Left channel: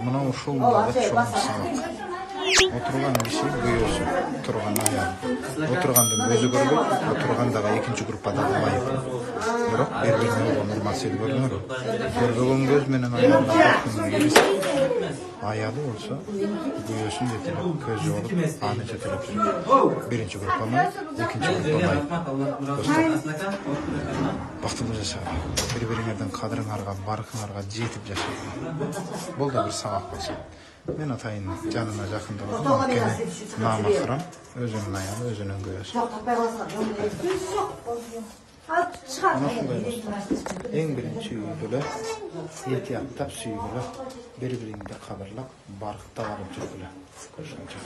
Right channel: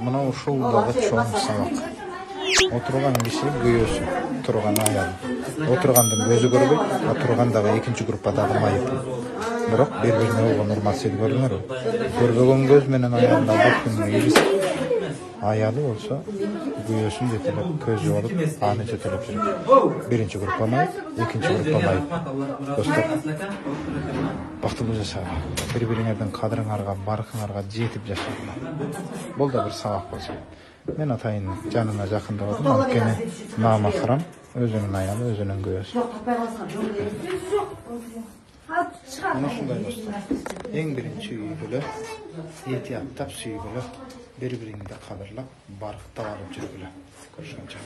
Мына ушулдагы чоң сабак. Отырган киши күйөөсү, турган аял. Отыргандын өзү көрбөйт, отургандагы экинчи группадагы майып. Бирок бири-бирине болгон урмат-сезим көрүнөр. Көрбөгөн көз менен аялдын албаттын ийгиси. Аялы болсо күйөөсүн жетелеп, көзү болуп, аны жетелеп жүрөт. Биринчи группа майып, экинчи группа майып. Достор, бактылуу жашагыла. Бири-бириңердин кадырыңарга, баркыңарга жетип жашагыла. Бул да бир сабак болсо. Мен атайын жанына жакындабадым, анткени намахрам, өзүнүн аялы, өзүнүн күйөөсү. Ana şunday dostlar, en birinci üydülü, ehtiyattab süygülü, bir-birinde kadırlap, barıqta varıp жүргülü. Görüşünce.